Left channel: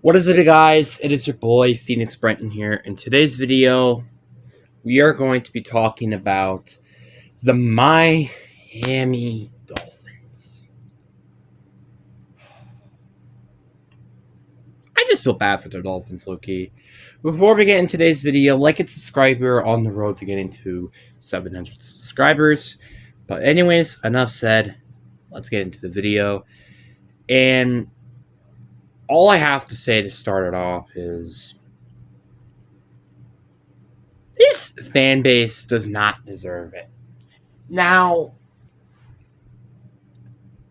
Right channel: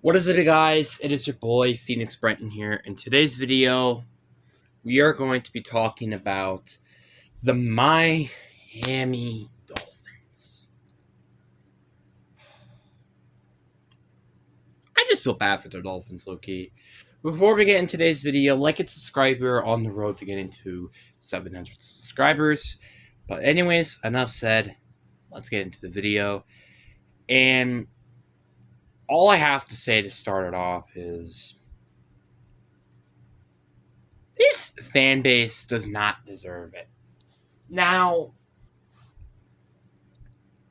What is it, guys? It is your boy Phoenix Brenton here. In today's video, we are going to be talking about the Miami Dolphins. I just feel bad for the Dolphins, low-key. Before we get into today's video, like and subscribe. We're on the road to getting to 700 subscribers. But anyways, enough said. Let's get into the video. And all I have to say to start it off is this fan base does not deserve it. Now,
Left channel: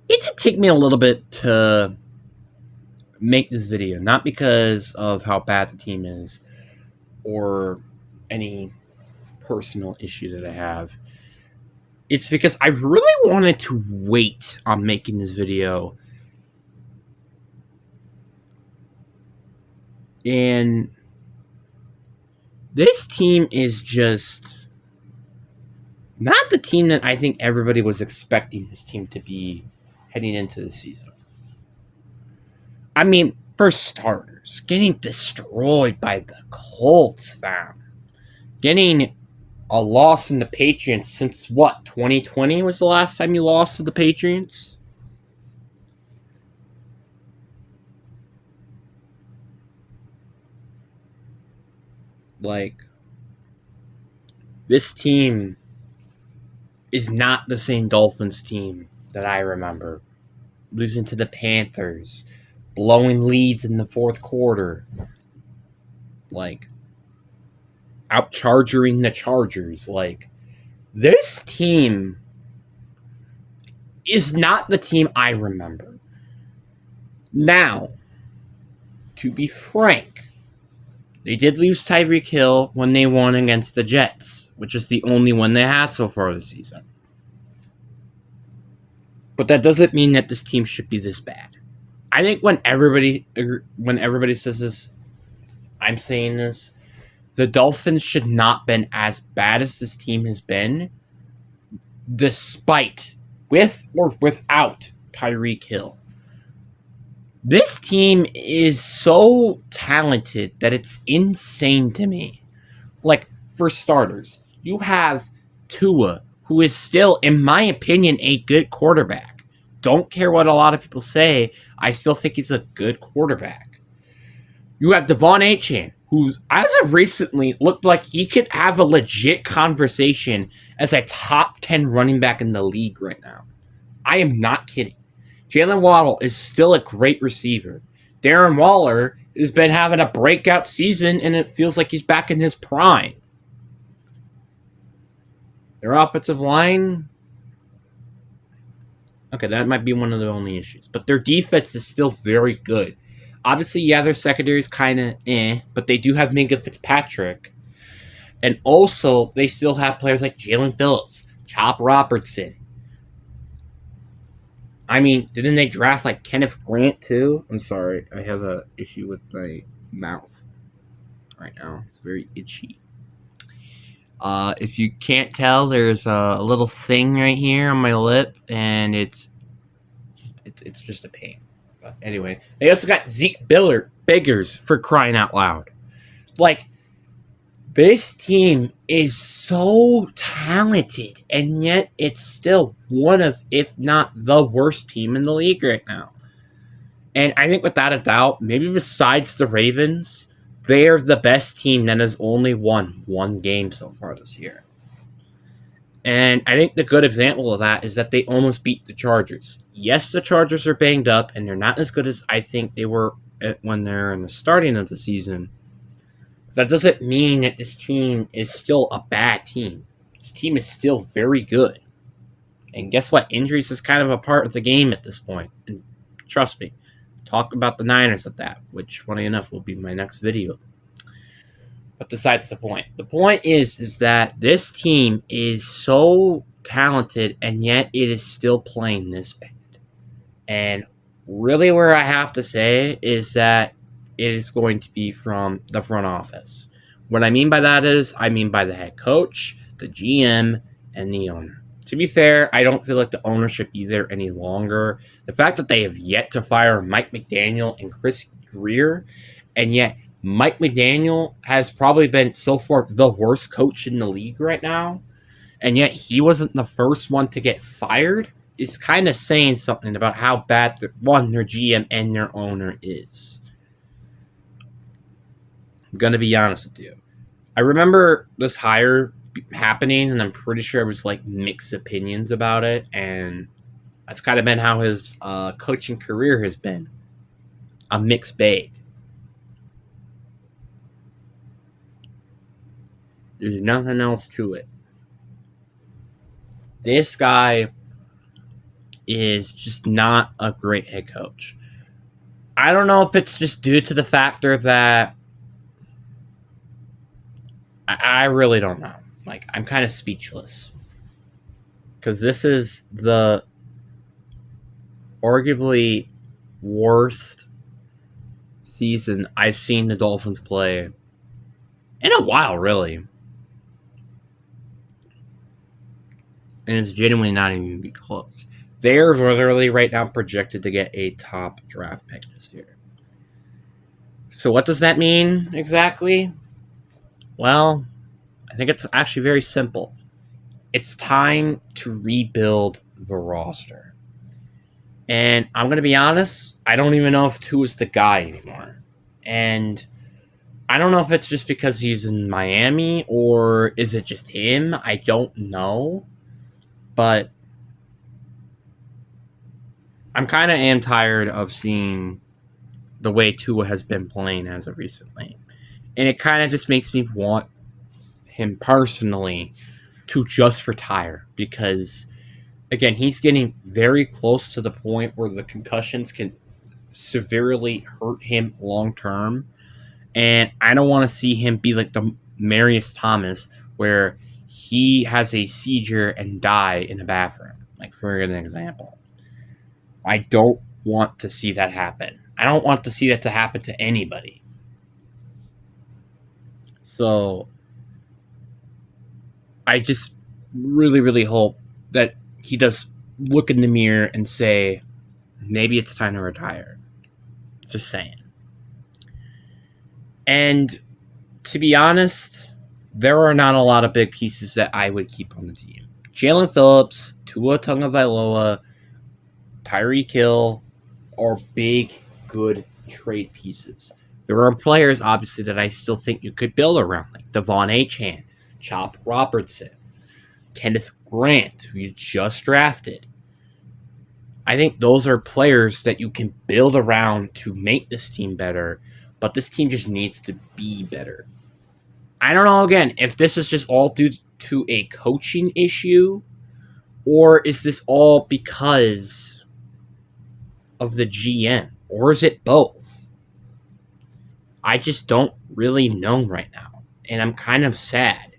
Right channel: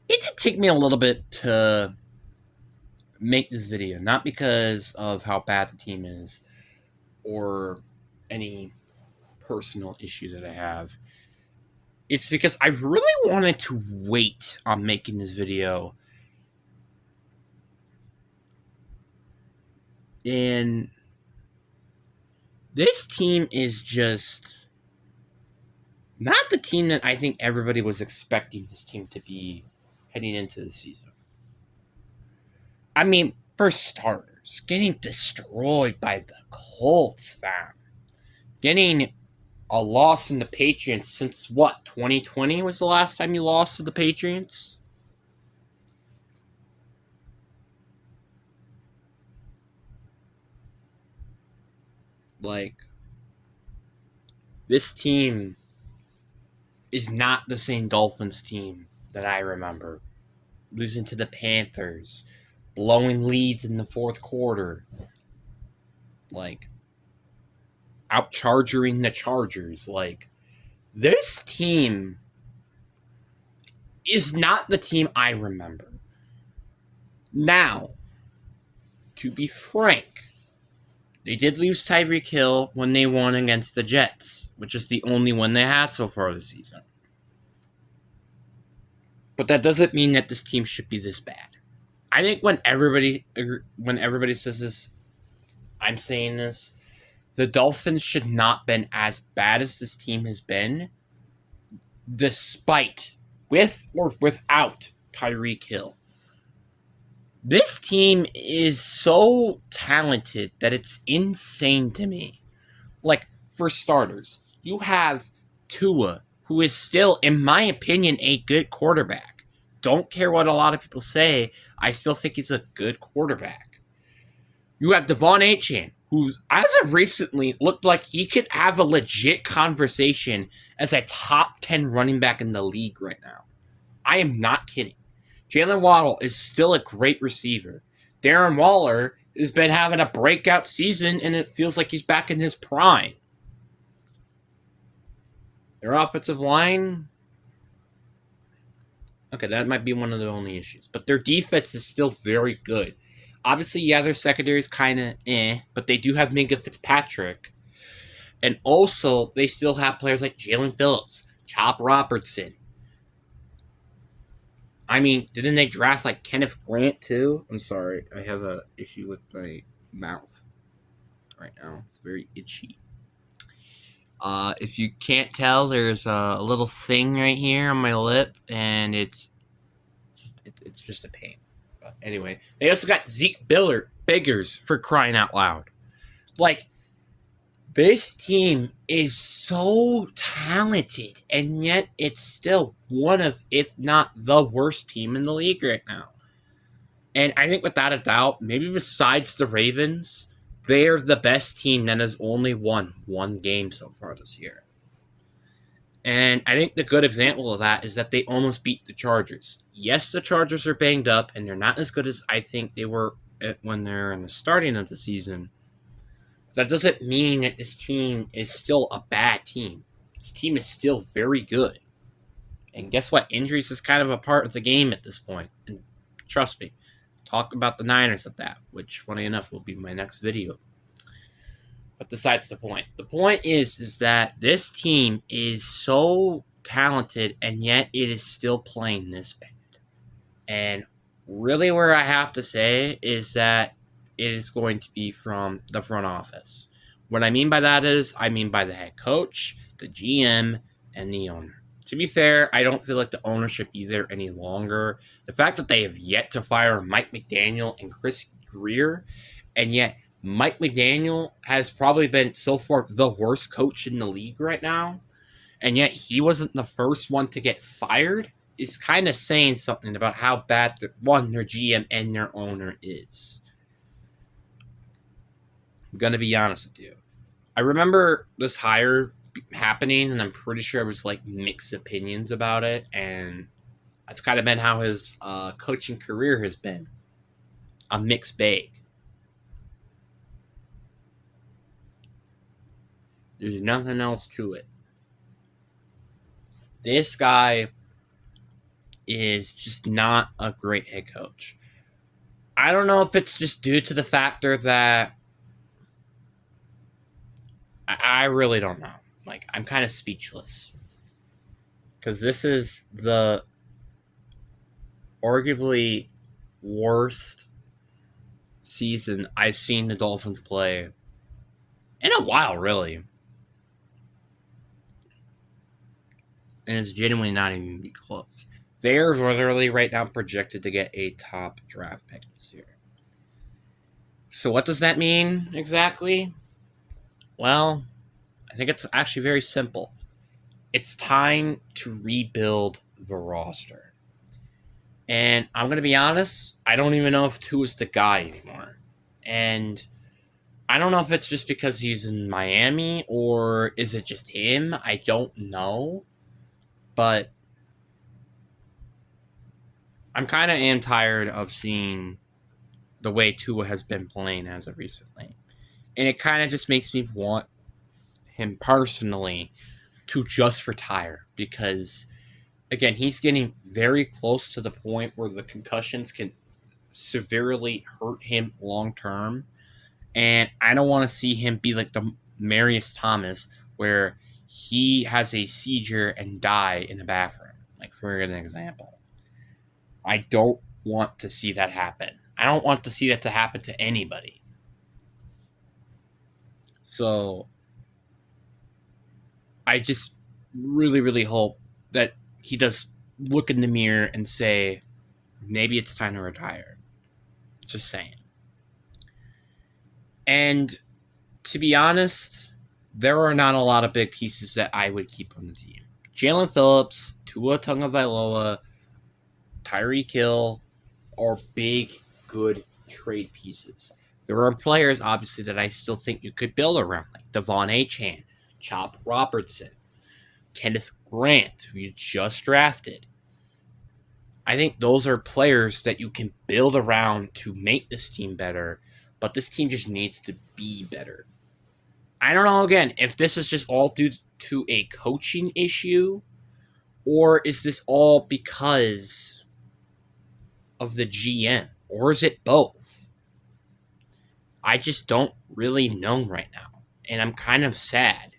it did take me a little bit to make this video, not because of how bad the team is or any personal issue that I have. It's because I really wanted to wait on making this video. And this team is just not the team that I think everybody was expecting this team to be heading into the season. I mean, for starters, getting destroyed by the Colts, fam. Getting a loss from the Patriots since what, 2020 was the last time you lost to the Patriots? Like, this team is not the same Dolphins team that I remember. Losing to the Panthers, blowing leads in the fourth quarter, like, outcharging the Chargers. Like, this team is not the team I remember. Now, to be frank, they did lose Tyreek Hill when they won against the Jets, which is the only one they had so far this season. But that doesn't mean that this team should be this bad. I think when everybody says this, I'm saying this, the Dolphins should not been as bad as this team has been, despite, with or without Tyreek Hill. This team is so talented that it's insane to me. Like, for starters, you have Tua, who is still, in my opinion, a good quarterback. Don't care what a lot of people say, I still think he's a good quarterback. You have Devon Achane, who, as of recently, looked like he could have a legit conversation as a top 10 running back in the league right now. I am not kidding. Jalen Waddle is still a great receiver. Darren Waller has been having a breakout season, and it feels like he's back in his prime. Their offensive line, okay, that might be one of the only issues. But their defense is still very good. Obviously, yeah, their secondary is kind of but they do have Minka Fitzpatrick. And also, they still have players like Jalen Phillips, Chop Robertson. I mean, didn't they draft like Kenneth Grant too? I'm sorry, I have an issue with my mouth right now. It's very itchy. If you can't tell, there's a little thing right here on my lip, and it's just a pain. But anyway, they also got Zeke Biggers, for crying out loud. Like, this team is so talented, and yet it's still one of, if not the worst team in the league right now. And I think without a doubt, maybe besides the Ravens, they are the best team that has only won one game so far this year. And I think the good example of that is that they almost beat the Chargers. Yes, the Chargers are banged up, and they're not as good as I think they were when they're in the starting of the season. That doesn't mean that this team is still a bad team. This team is still very good. And guess what? Injuries is kind of a part of the game at this point. And trust me, talk about the Niners at that, which, funny enough, will be my next video. But besides the point. The point is that this team is so talented, and yet it is still playing this bad. And really where I have to say is that it is going to be from the front office. What I mean by that is, I mean by the head coach, the GM, and the owner. To be fair, I don't feel like the ownership either any longer. The fact that they have yet to fire Mike McDaniel and Chris career, and yet Mike McDaniel has probably been so far the worst coach in the league right now, and yet he wasn't the first one to get fired. Is kind of saying something about how bad their GM and their owner is. I'm gonna be honest with you. I remember this hire happening, and I'm pretty sure it was like mixed opinions about it, and that's kind of been how his coaching career has been, a mixed bag. There's nothing else to it. This guy is just not a great head coach. I don't know if it's just due to the factor that I really don't know. Like, I'm kind of speechless. Because this is the arguably worst season I've seen the Dolphins play in a while, really. And it's genuinely not even going to be close. They're literally right now projected to get a top draft pick this year. So what does that mean exactly? Well, I think it's actually very simple. It's time to rebuild the roster. And I'm going to be honest, I don't even know if Tua is the guy anymore. And I don't know if it's just because he's in Miami or is it just him? I don't know. But I'm kind of am tired of seeing the way Tua has been playing as of recently. And it kind of just makes me want him personally to just retire because, again, he's getting very close to the point where the concussions can severely hurt him long term. And I don't want to see him be like the Marius Thomas where he has a seizure and die in the bathroom, like for an example. I don't want to see that happen. I don't want to see that to happen to anybody. So I just really, really hope that he does look in the mirror and say, maybe it's time to retire. Just saying. And to be honest, there are not a lot of big pieces that I would keep on the team. Jalen Phillips, Tua Tagovailoa, Tyreek Hill are big, good trade pieces. There are players, obviously, that I still think you could build around, like Devon Achane, Chop Robertson, Kenneth Grant, who you just drafted. I think those are players that you can build around to make this team better, but this team just needs to be better. I don't know, again, if this is just all due to a coaching issue, or is this all because of the GM, or is it both? I just don't really know right now, and I'm kind of sad.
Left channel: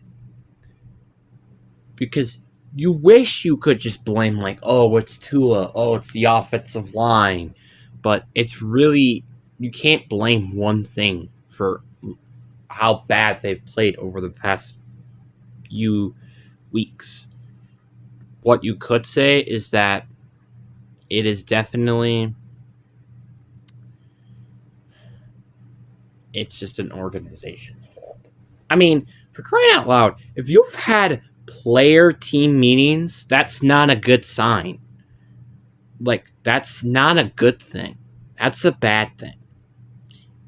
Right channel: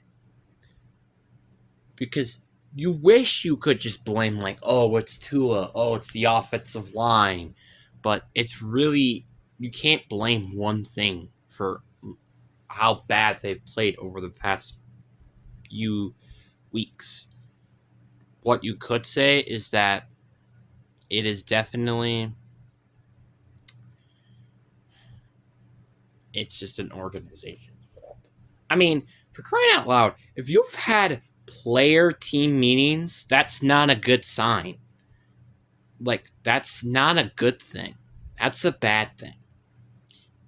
Because you wish you could just blame, like, oh, it's Tua, oh, it's the offensive line, but it's really, you can't blame one thing for how bad they've played over the past few weeks. What you could say is that it is definitely, it's just an organization's fault. I mean, for crying out loud, if you've had player team meetings, that's not a good sign. Like, that's not a good thing. That's a bad thing.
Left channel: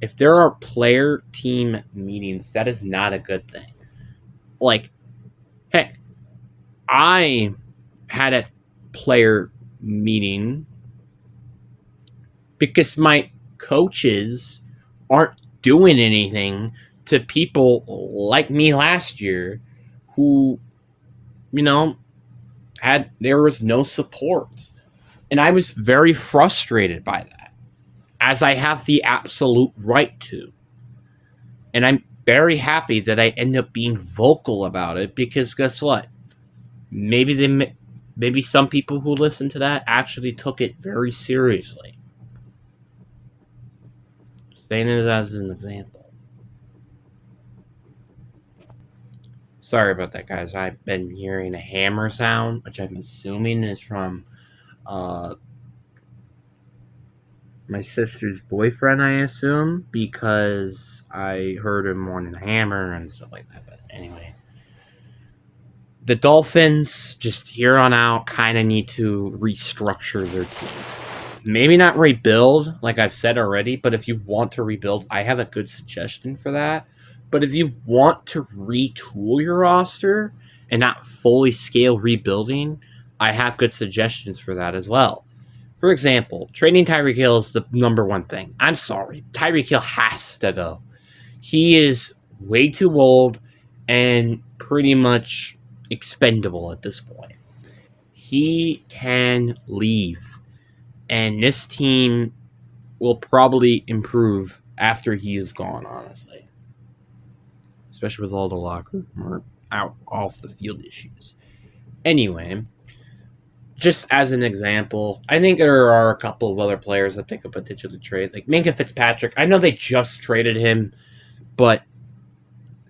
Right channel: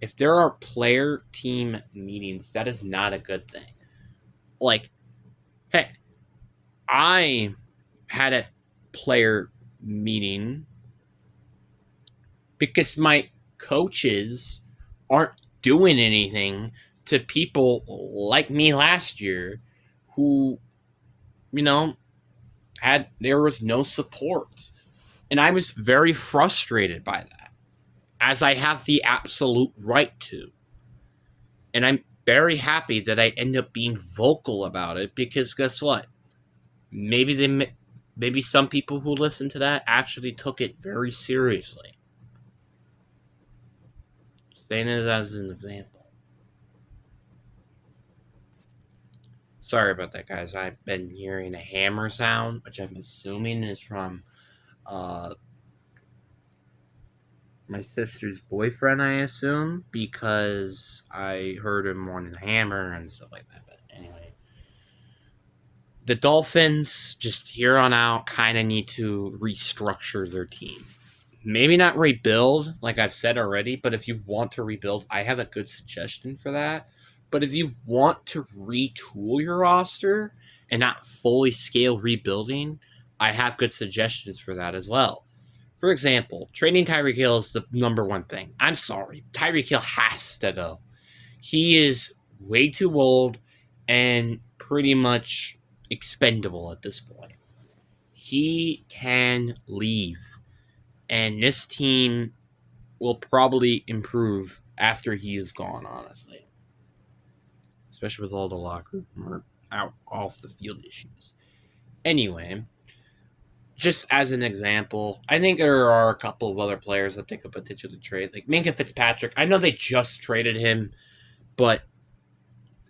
If there are player team meetings, that is not a good thing. Like, heck, I had a player meeting because my coaches aren't doing anything to people like me last year who, there was no support. And I was very frustrated by that, as I have the absolute right to. And I'm very happy that I end up being vocal about it because guess what? Maybe some people who listened to that actually took it very seriously. Saying it as an example. Sorry about that, guys. I've been hearing a hammer sound, which I'm assuming is from my sister's boyfriend, I assume, because I heard him on the Hammer and stuff like that. But anyway, the Dolphins just here on out kind of need to restructure their team. Maybe not rebuild, like I've said already, but if you want to rebuild, I have a good suggestion for that. But if you want to retool your roster and not fully scale rebuilding, I have good suggestions for that as well. For example, trading Tyreek Hill is the number one thing. I'm sorry. Tyreek Hill has to go. He is way too old and pretty much expendable at this point. He can leave. And this team will probably improve after he is gone, honestly. Especially with all the locker room or out off the field issues. Anyway, just as an example, I think there are a couple of other players that they could potentially trade. Like Minkah Fitzpatrick. I know they just traded him, but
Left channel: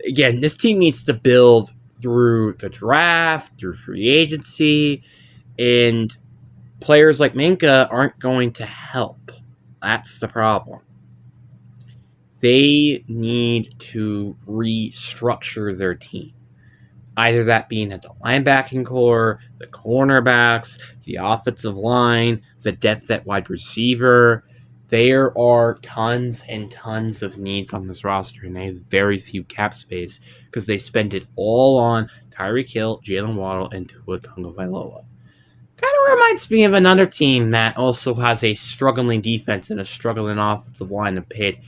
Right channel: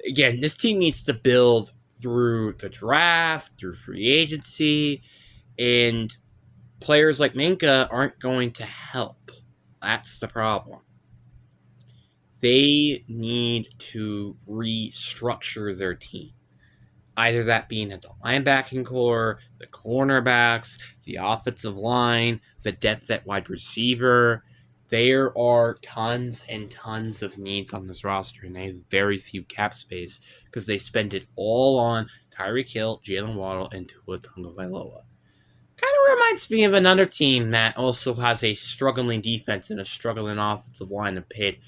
again, this team needs to build through the draft, through free agency, and players like Minkah aren't going to help. That's the problem. They need to restructure their team. Either that being at the linebacking core, the cornerbacks, the offensive line, the depth at wide receiver. There are tons and tons of needs on this roster, and they have very few cap space because they spend it all on Tyreek Hill, Jalen Waddle, and Tua Tagovailoa. Kind of reminds me of another team that also has a struggling defense and a struggling offensive line and paid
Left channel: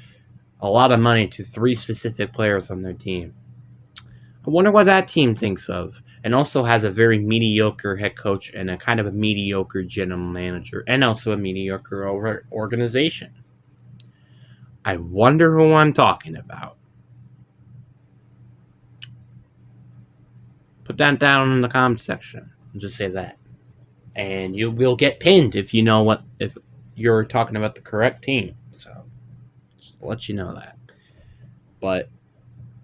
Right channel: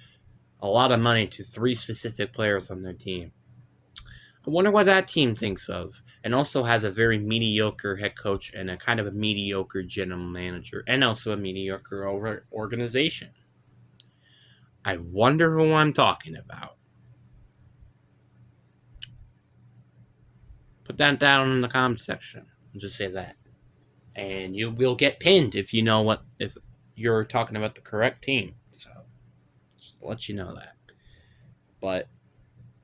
a lot of money to 3 specific players on their team. I wonder what that team thinks of. And also has a very mediocre head coach and a kind of a mediocre general manager and also a mediocre organization. I wonder who I'm talking about. Put that down in the comment section. I'll just say that. And you will get pinned if you know if you're talking about the correct team. So just to let you know that. But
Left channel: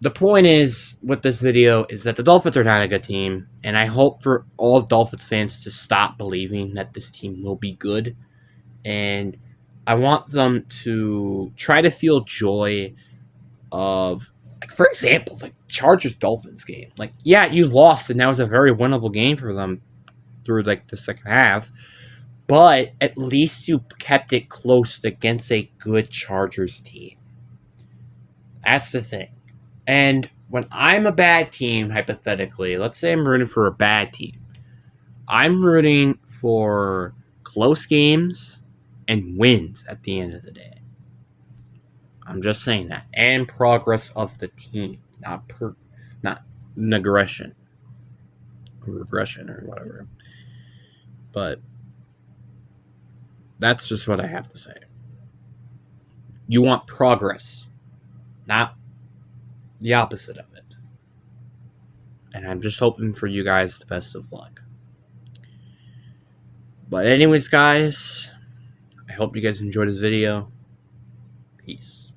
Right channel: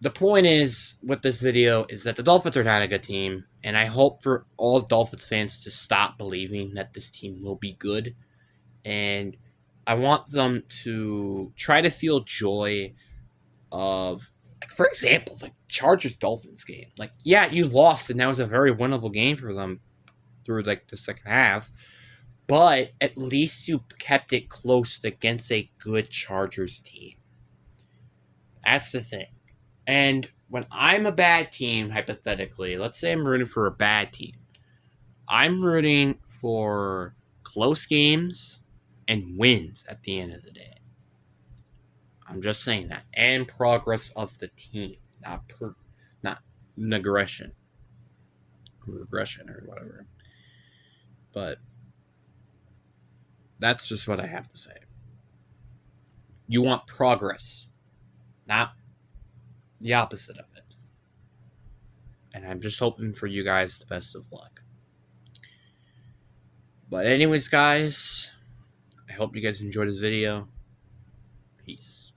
the point is with this video is that the Dolphins are not a good team, and I hope for all Dolphins fans to stop believing that this team will be good. And I want them to try to feel joy of, like, for example, like Chargers Dolphins game. Like, yeah, you lost, and that was a very winnable game for them through like the second half. But at least you kept it close against a good Chargers team. That's the thing. And when I'm a bad team, hypothetically, let's say I'm rooting for a bad team, I'm rooting for close games and wins at the end of the day. I'm just saying that. And progress of the team, not aggression or regression or whatever. But that's just what I have to say. You want progress, not the opposite of it. And I'm just hoping for you guys the best of luck. But anyways, guys, I hope you guys enjoyed this video. Peace.